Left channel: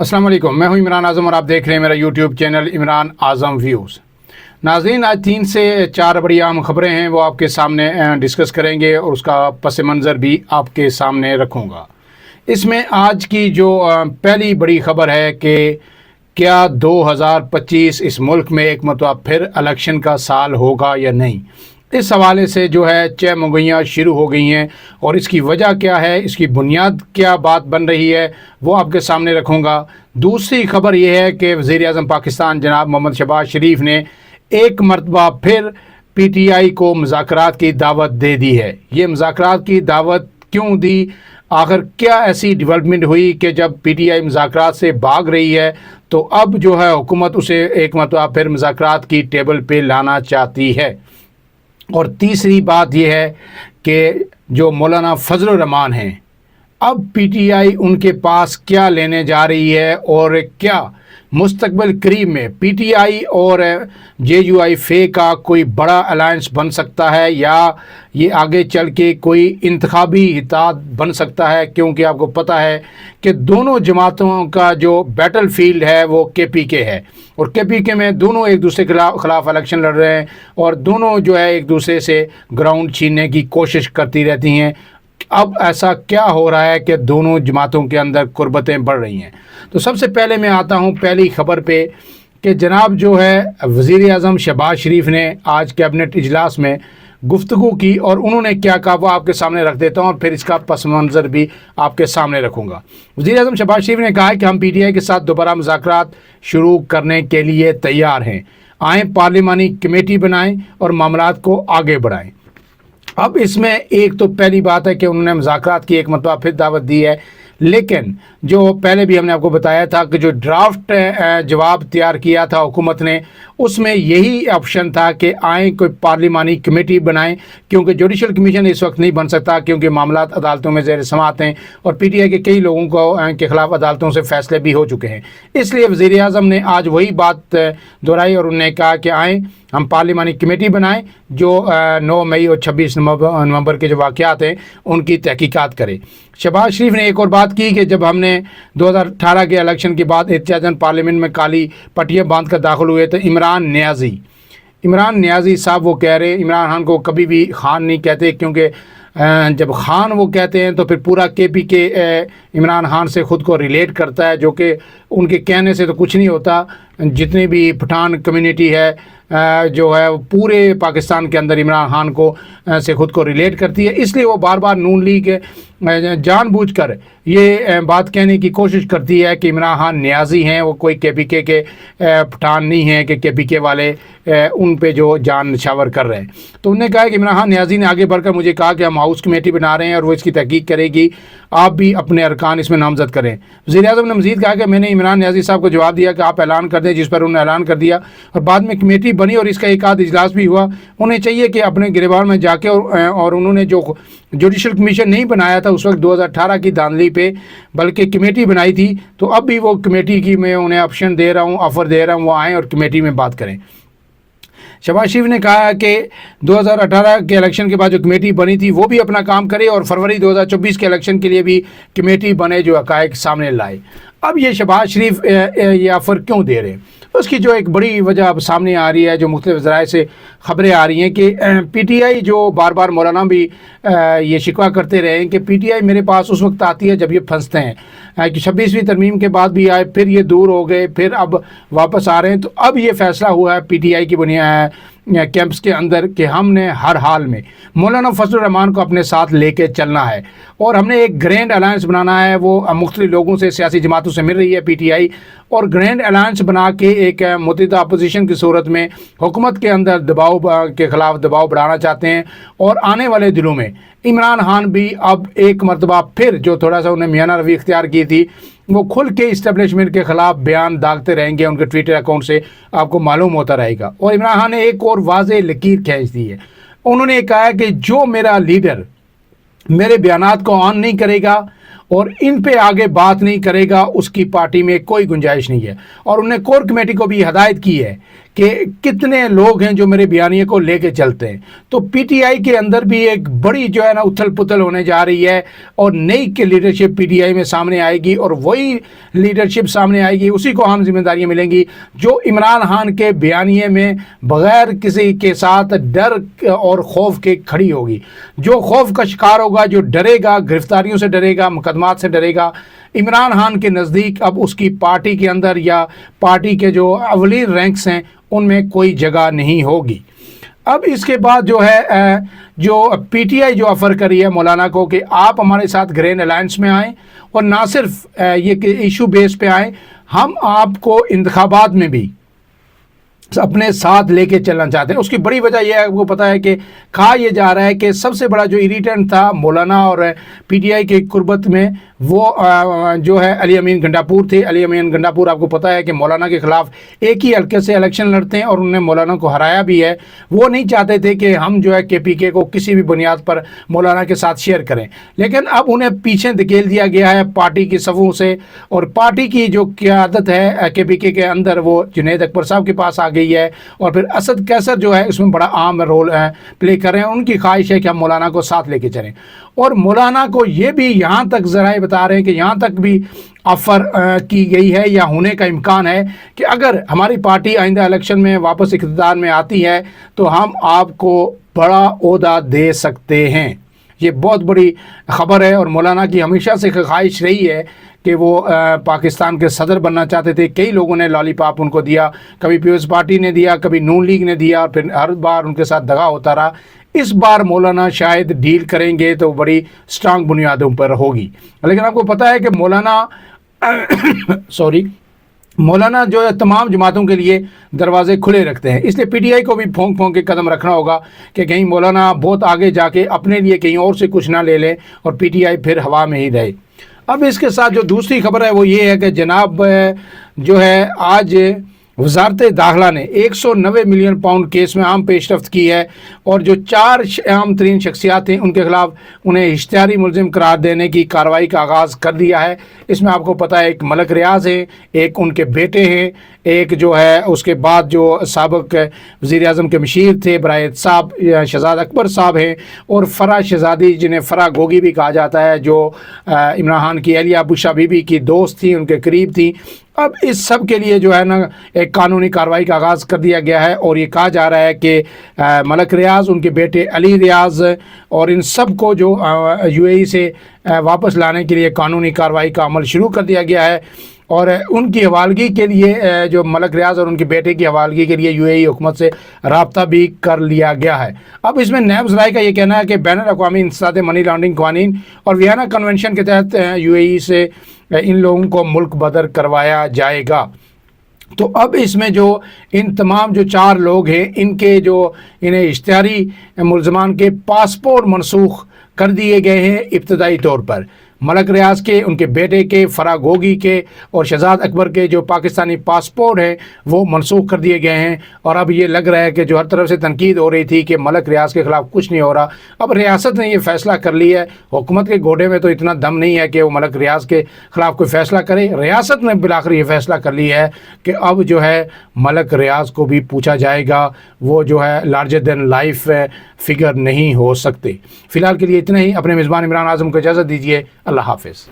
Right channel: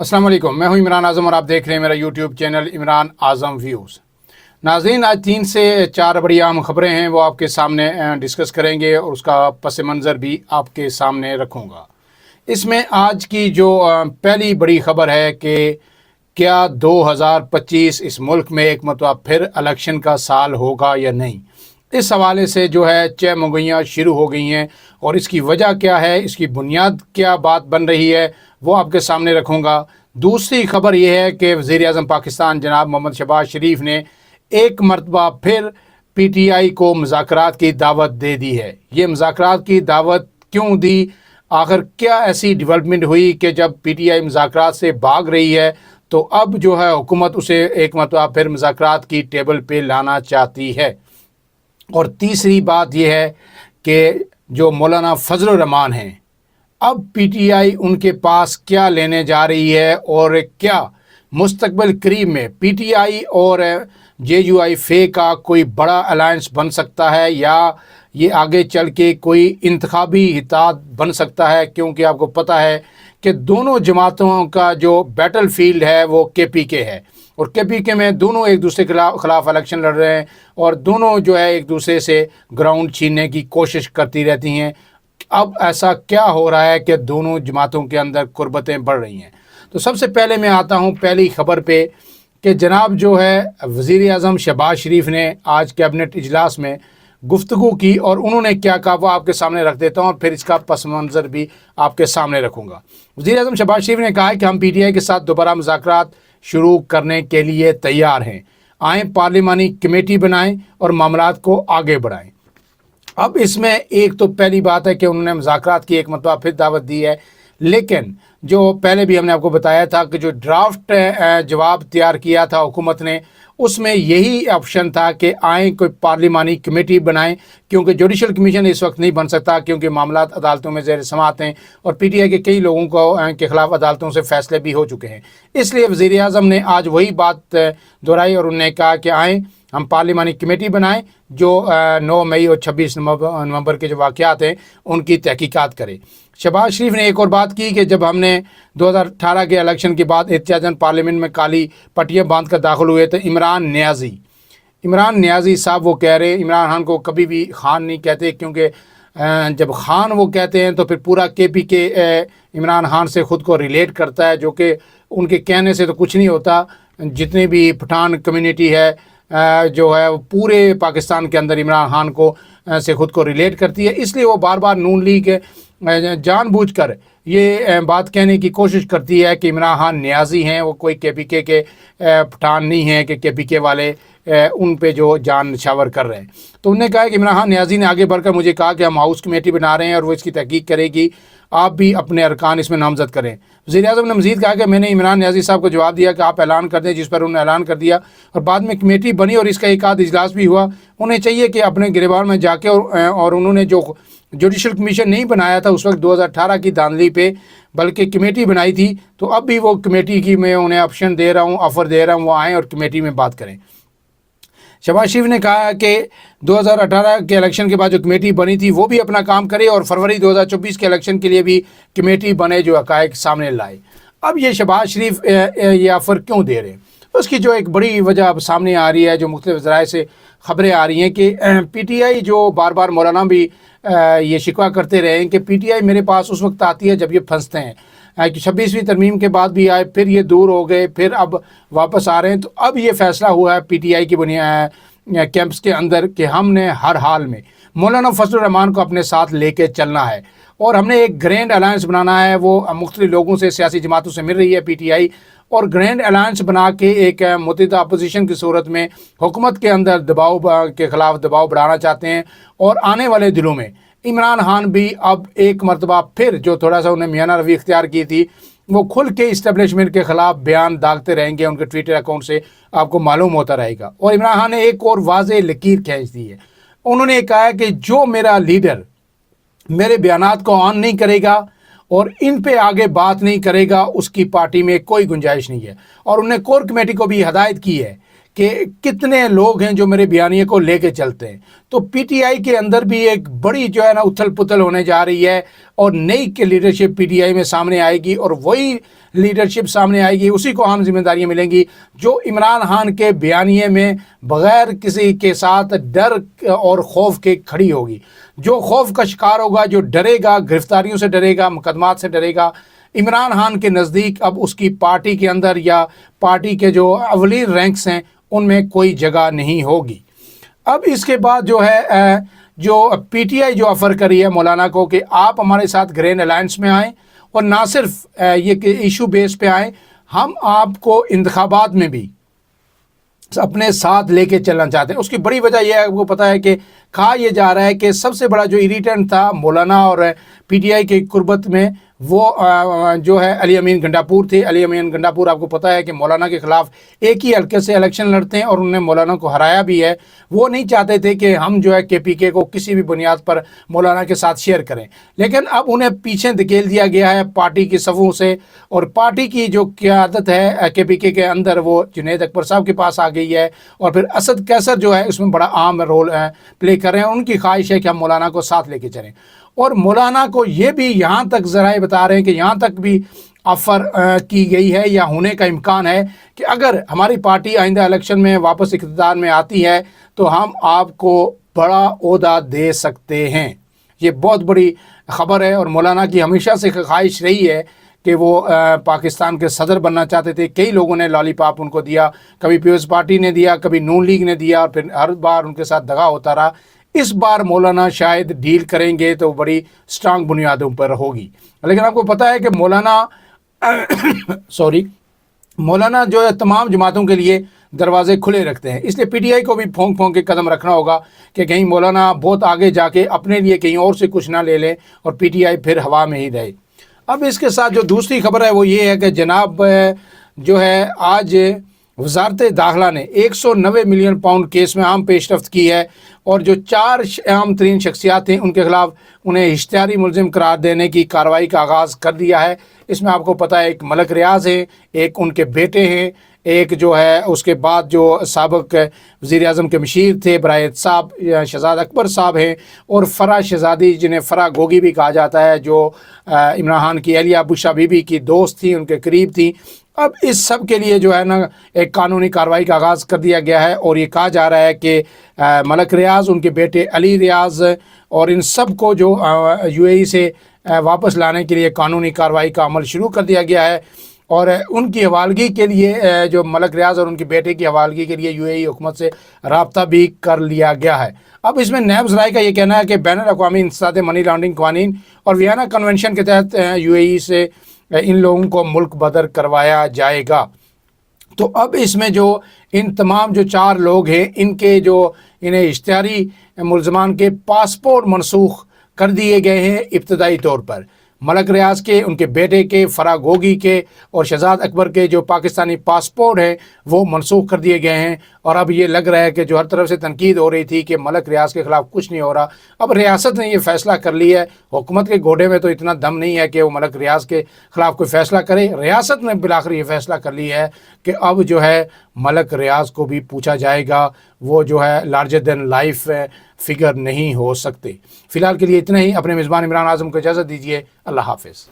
अस्सलाम वालेकुम, मैं हूं इमरान आज़म और आप देख रहे हैं मेरा यूट्यूब चैनल इमरान आज़म व्यूज़। नाज़रीन, आज 3 से 4 बड़ी अहम खबरें हैं, वो आपके सामने डिस्कस करेंगे और उसका पस मंज़र भी आपके सामने रखूँगा। इसमें आज की जो पहली बड़ी खबर है कि क्या 2025 इस मुल्क में एक मरतबा फिर इलेक्शन का साल होगा या नहीं। इस हवाले से जो है चह मुगैयाँ शुरू हो गई हैं और इसकी वजह क्या है, इसकी बुनियाद क्या बात बन रही है, वो आपके सामने रखूँगा। दूसरी खबर यह है कि वज़ीर-ए-आज़म पाकिस्तान जनाब मोहम्मद शहबाज शरीफ ने एक मरतबा फिर PTI को मुज़ाकरात की दावत दे दी है। ये मुज़ाकरात की दावत क्यों दी, आखिर क्या ऐसी डेवलपमेंट हुई कि जब PTI मुज़ाकरात से भाग रही है तो अब जो है हुकूमत उसे एक मरतबा फिर मुज़ाकरात की टेबल पे लाना चाहती है। और तीसरी बात यह है कि जो मौलाना फजल रहमान हैं, अब PTI उनके पास क्या लेने जा रही है और क्या मुस्तकबिल करीब में PTI और JUI फे का कोई बड़ा अलायंस बन सकता है या ये आगे चल के कोई इंतखाबी इत्तेहाद बन सकता है, क्योंकि आपको पता है कि दोनों जमातों का जो बैटल फील्ड है वो KPK है और KPK में दोनों एक दूसरे के खिलाफ इलेक्शन लड़ रहे हैं और दोनों जो है एक दूसरे से ग्राउंड छीनने की कोशिश करती रहती हैं। अब ऐसा क्या हो रहा है कि दोनों जमातों के अंदर कुर्बतें बढ़ रही हैं। तो सबसे पहले मैं आता हूं पहली खबर पे कि जनाब जो है वज़ीर-ए-आज़म शहबाज शरीफ ने आज कैबिनेट इजलास में गुफ्तगू की और उन्होंने क्या कहा वो आपके सामने रख देता हूं और फिर इसका पस मंज़र भी आपके सामने रखूँगा। वज़ीर-ए-आज़म शहबाज शरीफ ने कहा है कि हम PTI के साथ दोबारा मुज़ाकरात शुरू करने के लिए तैयार हैं। आएँ पार्लिमानी कमेटी बनाएँ और मामलात को आगे बढ़ाएँ। अब इसमें एक तो पहली बात है कि उन्होंने मुज़ाकरात की एक मरतबा फिर दावत दी है, लेकिन जो पहले भी हमने आपको बताया था कि जो ड्राफ्ट जवाब तैयार किया था हुकूमत ने, उसमें यही ऑप्शन था कि आए कोई पार्लिमानी कमेटी बनाएं, क्योंकि जुडिशल कमीशन इस वक्त नहीं बन सकता क्योंकि मामलात अदालतों में ज़ेर समाअत हैं और PTI के कई लोगों को के ख़िलाफ़ अदालतों से फैसले भी हो चुके हैं। इसलिए वज़ीर-ए-आज़म ने आज वही बात दोहराई और उन्होंने कहा कि आएँ हम पार्लिमानी कमेटी बनाएं जो 9 मई और 26 नवंबर के जो वाक़यात हैं उनकी तहकीकात करे। शहबाज शरीफ ने एक और बात की कि जब हमने 2018 के इलेक्शन के बाद एहतियातन पार्लियामेंट में काली पट्टियाँ बांध कर दाखिल हुए तो इमरान नियाज़ी साहब वो कह रहे, इमरान खान को कभी भी खान नहीं कहते, क्योंकि जब खान वो कहते हैं तो फिर पूरा KPK इमरान खान से ख़ुद को रिलेट करता है, जो कि उनके कहने से तो कुछ नहीं होता। जितनी भी पठान कम्युनिटी है जो है पूरे पाकिस्तान के अंदर इमरान खान को से ख़ुद को रिलेट करती है, इसलिए वो बार बार नून लीग जानबूझकर ये बात कहने की कोशिश करती है कि इमरान खान नियाज़ी हैं, वो कोई KPK के पठान नहीं हैं कि KPK वाले उन पे जो जान निछावर कर रहे हैं। तो उन्होंने कहा कि इमरान खान नियाज़ी ने आगे बढ़कर मुझे कहा कि हम हाउस कमेटी बना रहे हैं और वो इसकी तहकीक करेगी, आप भी अपने अरकान इसमें नामजद करें। वज़ीर-ए-आज़म ने मज़ीद कहा कि मैंने इमरान नियाज़ी साहब को जवाब दिया कि आप ऐलान कर दें, जिस पर उन्होंने ऐलान कर दिया और बाद में कमेटी बनी और इसका एक आध इजलास भी हुआ। उन्हें चाहिए कि अपने गिरबान में जाके और उन्होंने जो जुडिशल कमीशन नहीं बनाया था उस वक्त 2018 की धांधली पे, बल्कि कमेटी बनाई थी, तो अब भी वो कमेटी की मैं उन्हें ऑप्शन दे रहा हूँ, ऑफ़र दे रहा हूँ, वो आएँ और कमेटी में बात करें। शहबाज शरीफ ने कहा कि 2018 के इलेक्शन के बाद जो कमेटी बनी थी वो भी अपना काम करे और फरवरी 2024 के इलेक्शन के लिए भी कमेटी बने जो हक़ाइक़ सामने लाए। अब ये शहबाज शरीफ ये ऑफ़र क्यों दे रहे हैं, उसकी जो एक बड़ी वजह अब सामने आ रही है, जो मुख्तलिफ़ ज़राए से ख़बरें आ रही हैं कि PTI जो बार बार मौलाना भी ये शिकवा करते रहे हैं कि PTI मेरे पास उस वक्त आती है जब ये फंसते हैं, कि 26वीं तरमीम के बाद भी आए, फिर ये दूर हो गए, फिर अब वापस आ रहे हैं। तो अब ये फ़ैसला हुआ है PTI की बुनियाद कैंप्स के अंदर कि हमने हर हाल में मौलाना फजल रहमान को अपने साथ लेके चलना है और हमने एक ग्रैंड अलायंस बनाना है। वो मुख्तलिफ लोगों से, सियासी जमातों से मिल रही है PTI और ग्रैंड अलायंस बना के एक मुतहिदा अपोजिशन की सूरत में हुकूमत के अंदर दबाव के ख़िलाफ़ दबाव बढ़ाना चाहते हैं। और आने वाले दिनों में इमरान खान भी अब एक मरतबा फिर जो थोड़ा सा उन्हें मियाना रवि इख्तियार की थी, वो खुल के इस्टेब्लिशमेंट के ख़िलाफ़ बयान डालते रहेंगे, उनके ट्विटर अकाउंट से आपको मालूम होता रहेगा। और इमरान खान ने एक और वाज़ेह लकीर खींच दी है, उन्होंने कहा है कि जो मेरा लीडर मेरे बयानात को ऑन नहीं करेगा और इन पे आगे बात नहीं करेगा, उसकी पार्टी में कोई गुंजाइश नहीं है। और उन्होंने कोर कमेटी को भी हदायत की है کہ کتنے لوگ ہیں جو میرے بیانیے کو لے کے چلتے ہیں. تو پی ٹی آئی کے اندر بھی ایک بڑی جو ہے نا اتھل پتھل ہونے جا رہی ہے اور نئی کے لیڈرشپ پی ٹی آئی میں سامنے آئے گی اور وہی لیڈرشپ سامنے آئے گی, اسی کو ہم ذمہ داریاں ملیں گی جو عمران خان کے بیانیے میں بغیر کسی کے ساتھ ڈر اور خوف کے کھڑی ہوگی. جو خوف کا شکار ہوگا, جو ڈرے گا, گرفتاریوں سے ڈرے گا, مقدمات سے ڈرے گا, عمران خان کے نزدیک اب اس کی پارٹی کے اندر یا پارٹی کے جو اولین رینکس ہیں ان میں کوئی جگہ نہیں ہوگی. اب اس کے بعد جو ہے جو پی ٹی آئی جو آفر کری ہے مولانا کو کہ آپ ہمارے ساتھ گرین الائنس میں آئیں اور نہ صرف یہ کہ ایشو بیس پہ آئیں, ہم آپ کو انتخابات میں بھی اپنے ساتھ لے کے چلنا چاہتے ہیں. اس کی بڑی وجہ یہ ہے, وہ پتہ ہے کہ کہا یہ جا رہا ہے کہ سب سے بڑا جو اریٹنٹ تھا مولانا اور پی ٹی آئی کے قربت میں وہ جو ہے علی امین گنڈاپور تھے. علی امین گنڈاپور آپ کو پتہ ہے کہ مولانا کے خلاف ایک ہی حلقے سے الیکشن لڑتے ہیں اور انہوں نے مولانا کو ہرایا بھی ہے. وہ نہیں چاہتے تھے کہ ہم جو ہے کے پی کے کو کسی بھی بنیاد پر مولانا کے ساتھ شیئر کریں, لیکن اب انہیں پیچھے دھکیل دیا گیا ہے پارٹی کی صفوں سے, اور پارٹی کی جو قیادت ہے کے پی کے اندر وہ جنید اکبر صاحب کے پاس آ گئی ہے, اور پھر اسد کیسر جو ہے اس میں بڑا اہم رول پلے کر رہے ہیں. ان کی خواہش ہے کہ ہم مولانا کو ساتھ لے کے چلیں, اور مولانا کو یہ بھی یہاں تک ذرائع بتا رہے ہیں کہ یہاں تک بھی آفر کی گئی ہے یا ہونے کا امکان ہے کہ اگر ہماری پارٹی آئندہ الیکشن میں واپس اقتدار میں آتی ہے تو ہم آپ کو بڑا عہدہ دے سکتے ہیں. یہ بہت بڑی خبر ہے, اور مولانا کی ہمیشہ سے خواہش رہی ہے کہ وہ پاکستان کے صدر بننا چاہتے تھے. کئی لوگوں نے لالی پاپ ان کو دیا, کبھی پیپلز پارٹی نے دیا, کبھی نون لیگ نے دیا, اور پھر ہر بار ان کے ساتھ دغا ہوتا رہا. اس بار مولانا شاید ڈیل کریں گے تو بڑی سٹرانگ بنیادوں پر ہوگی. لیکن آپ کو پتہ ہے کہ مولانا جو ہے تمام جماعتوں کے لیے دروازے کھلے رکھتے ہیں, اس لیے پی ٹی آئی کو بھی پھونک پھونک کے قدم رکھنا ہوگا کہ کہیں مولانا بہت آگے جا کے اپنے لیے کہیں اور سے کچھ نہ لے لے اور پی ٹی آئی پھر ہوا میں ہی رہے. اب اس کے ساتھ جو دوسری خبر ہے وہ یہ ہے کہ جناب جو ہے آج وزارت داخلہ نے 190 ملین پاؤنڈ کیس میں عام پیش رفت کی ہے, اور جو 4 اہم ترین شخصیات ہیں ان کے خلاف انہیں اشتہاری ملزم قرار دینے کی کارروائی کا آغاز کر دیا ہے. اس میں آپ کو پتہ ہے ایک ملک ریاض ہے, ایک ان کے بیٹے ہیں, ایک جو ہے اس کے بعد جو سابق وزیر اعظم کے مشیر تھے برائے صاحب شہزاد اکبر صاحب ہیں, اور فرح شہزادی جنہیں فرح گوگی بھی کہا جاتا ہے, جو عمران خان کی اہلیہ بشا بی بی کی دوست تھی, ان کے قریب تھی. اب اس سب کے لیے جو ہے نا ایک قانونی کارروائی کا آغاز کر دیا گیا ہے, اور یہ کہا جا رہا ہے کہ ملک ریاض, ان کے بیٹے علی ریاض اور ان سب کو جو یو اے ای سے واپس لانے کے لیے قانونی کارروائی کا عمل شروع کر دیا گیا ہے, اور ان کی حوالگی کے لیے جو ملک ریاض اور ان کے بیٹے کی حوالگی کے لیے یو اے ای حکومت سے رابطہ بھی کر لیا گیا ہے. اب اس میں نیب ذرائع کا یہ کہنا ہے کہ بین الاقوامی انسداد منی لانڈرنگ قوانین اور ویانا کنونشن کے تحت یو اے ای سے ان لوگوں کو ملک بدر کروایا جائے گا. تو اب اس میں جو ان تمام جو 4 لوگ ہیں ان کے جو انہیں اشتہاری ملزمان کے پاسپورٹ منسوخ کر دیے گئے ہیں ابتدائی طور پر. ملک ریاض کے, ان کے بیٹے کے, فرح گوگی کے اور شہزاد اکبر کے جو پاکستانی پاسپورٹ ہیں وہ منسوخ کر دیے گئے ہیں. اور اب یہ لگ رہا ہے کہ جو ہر طرف سے تنقید ہو رہی تھی کہ ملک ریاض کے خلاف کچھ نہیں ہو رہا, اب ریاست نے یہ فیصلہ کر لیا ہے. حکومت کے گھوڑے میں تو اتنا دم نہیں ہے کہ وہ ملک ریاض کے خلاف کوئی فیصلہ کرے. ریاست نے بالآخر یہ فیصلہ کر لیا ہے کہ اب جو ہے ملک ریاض کو بھی پوچھا جائے گا, وہ جو ہے لارجر دین لائف فگر نہیں ہو سکتے. فی الحال کے لیے اتنا ہی. اپنے میزبان عمران اعظم کو اجازت دیجیے. اللہ حافظ.